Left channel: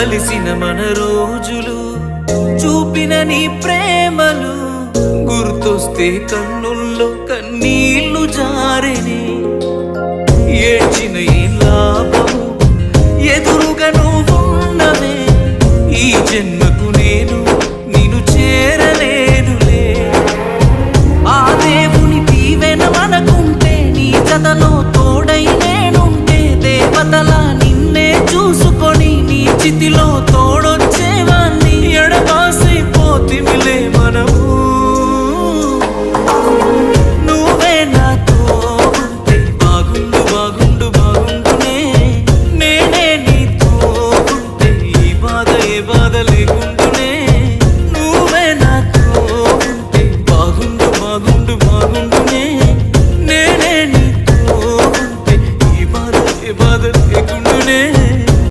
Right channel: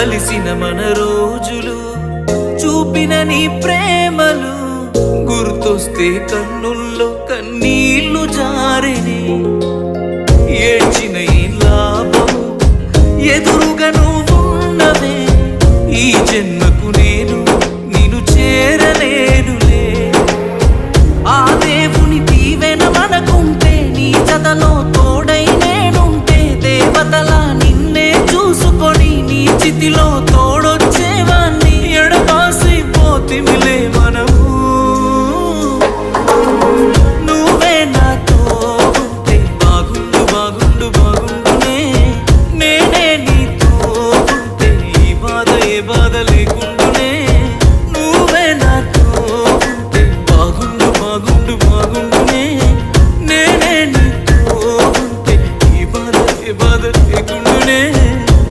కలిసిన మన రోజులు చూపిన నీ ప్రేమలు గుర్తొస్తే కన్నుల్లో కన్నీళ్లు జారెనే ఏడ్చిన ఏం లాభము ఎదురుగా నువ్వున్నవే ఈ జన్మకు నేను నిన్ను చేరలేనులే ఆ దేవుని దీవెన మనకుంటే నీ జతలో తోడై నేనుంటే దేవతలా నిన్నే చూసుకొని నీ చితిలో